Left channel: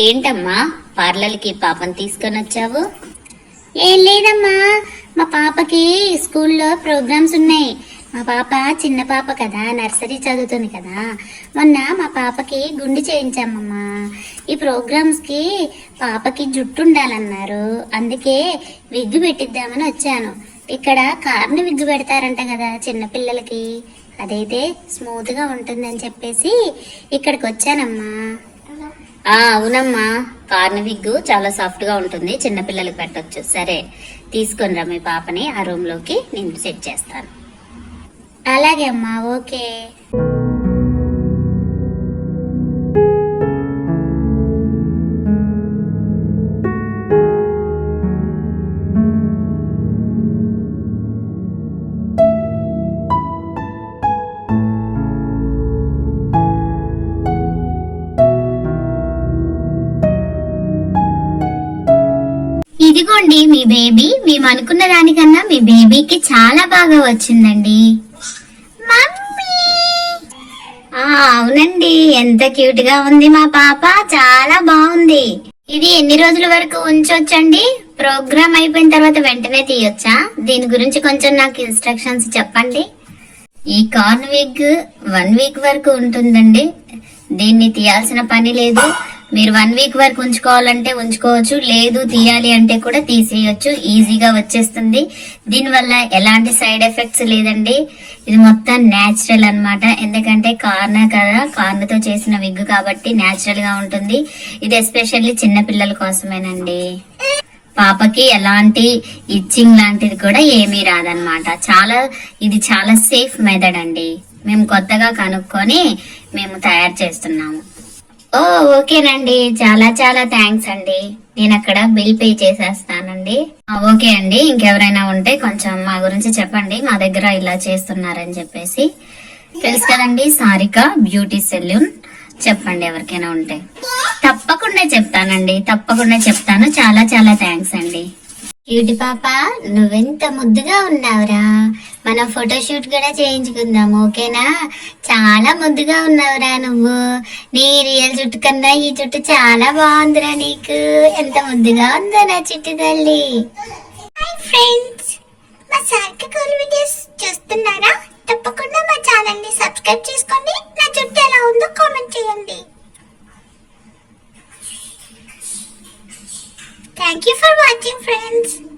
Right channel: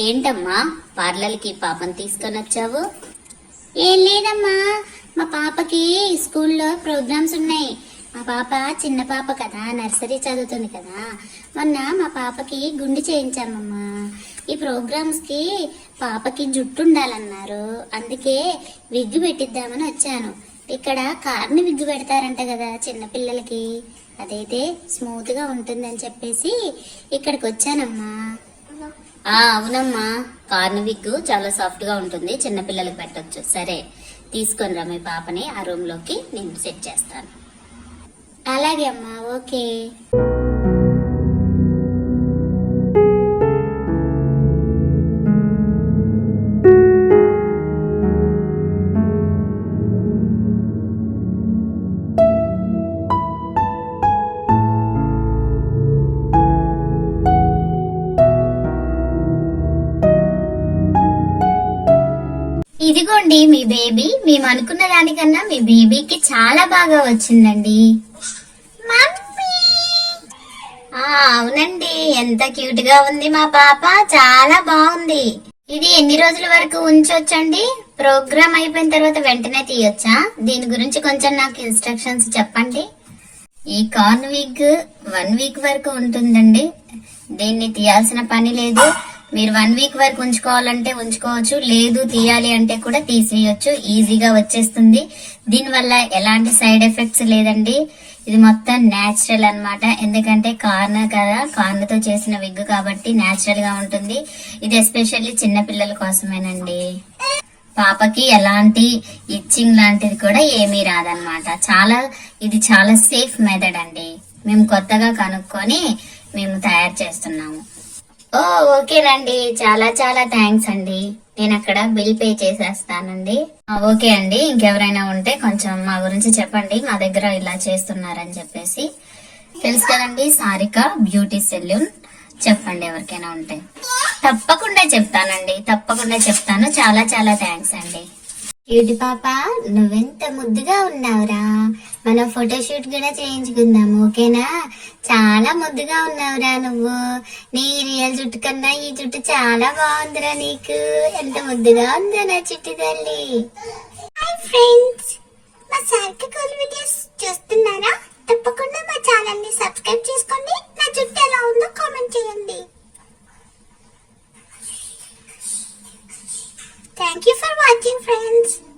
ఏంటమ్మా? పార్లర్కి పాపను తీసుకొని వచ్చావు? ఏం లేదమ్మా. మా పాపకి స్కూల్లో ప్రోగ్రామ్స్ ఉన్నాయి. మా పాప చిన్న పాప కదా నర్సరీ చదువుతుంది కదా. మొన్న మా పాపకి గుండు చేయించామమ్మా. ఈ ప్రోగ్రామ్స్కి పాపకి జుట్టు ఉండాలన్నారు. అందుకే విగ్గు పెట్టిద్దామని వచ్చాను. ఇక్కడ కార్ని విగ్గు పెడతారంట కదా చిన్నపిల్లలకి అదైతే స్మూత్గా ఉంటుందని చెప్పేసి ఇక్కడికి వచ్చానమ్మా అవునమ్మా. కార్న్ విగ్ చాలా సాఫ్ట్గా ఉంటుంది. చిన్నపిల్లలకి పెట్టచ్చు. సరే తీసుకొని రా మీ పాపని. ఆ రూమ్లోకి నేను సెట్ చేస్తాను. అలాగే అమ్మా. ఓకే. ఇదిగోండి మీ బేబీ మేము అనుకున్న దానికన్నా మీ బేబీకి చాలా బాగా వచ్చిందండి. అవునండి ఎంత క్యూట్గా ఉంది మా పాప చాలా బాగుంది. ఇది ఎన్ని రోజుల వరకు ఉంచొచ్చండి? ప్రోగ్రామ్ అయిపోయిన తర్వాత వెంటనే తీయొచ్చా? దీని గురించి కొంచెం నాకు ఇన్స్ట్రక్షన్స్ చెప్పండి. ఈ కార్న్ వీక్ వన్ వీక్ వరకు ఉంటుందండి. దీన్ని తీయాల్సిన పని లేదు. మీరు వన్ వీక్ వరకు ఉంచుకోవాలంటే ఉంచుకోవచ్చు లేదు తీయాలి అంటే కూడా తీసేయొచ్చు ఈజీగా వచ్చేస్తుంది. దీనివల్ల ఎలాంటి సైడ్ ఎఫెక్ట్స్ లేదండి. ఇది మొత్తం నేచురల్ అన్నమాట. ఎందుకంటే కార్న్ కదా కార్న్తో చేసిన విగ్ కాబట్టి న్యాచురల్గా ఉంటుంది. ఇది ఎస్పెషల్లీ చిన్నపిల్లల కోసమేనండి. పాపకి ఎలాంటి ఇచ్చింగ్ లాంటిది కూడా ఏమీ రాదనమాట చాలా ఇది చాలా సేఫ్ మెథడ్ అండి. మేము కొత్తగా కనుక్కొని మేము తయారు చేస్తున్నాము. ఓ ఓకేనండి. చాలా చాలా థ్యాంక్స్ అండి. నేను అక్కడ బిల్ పే చేసేస్తానండి. ఓకే అండి. ఇంకెవరైనా ఉంటే కొంచెం మా గురించి చెప్పండి. మా దగ్గర ఇలా చేస్తున్నారని చెప్పేసి. తెలుసు కదండి సారిక బ్యూటీ సెల్యూన్ చెప్పండి ఎవరికైనా ఉంటే. తప్పకుండా చెప్తానండి. తప్పకుండా చెప్తాను. చాలా చాలా థ్యాంక్స్ అండి. ఏటి పాప? నువ్వెంత ముద్దుగా ఉన్నావురా? మనం ఫోటోషూట్ కూడా చేయించుకుందాం ఓకేనా? చాలా ముద్దుగా ఉన్నావురా నువ్వు. నీ రియల్ జుట్టు కన్నా ఈ జుట్టు చాలా బాగుందిరా నీకు. ఎంత ముద్దుగా ఉందో నా చిట్టు తల్లి. ఫ్రెండ్స్ మా సార్కి కూల్ వీడియోస్ చూస్తున్నారా? తప్పకుండా మా ఛానల్ని సబ్స్క్రైబ్ చేసుకోండి నా జుట్టు ఎలా ఉందో కామెంట్ చేయండి. Thank you for watching friends.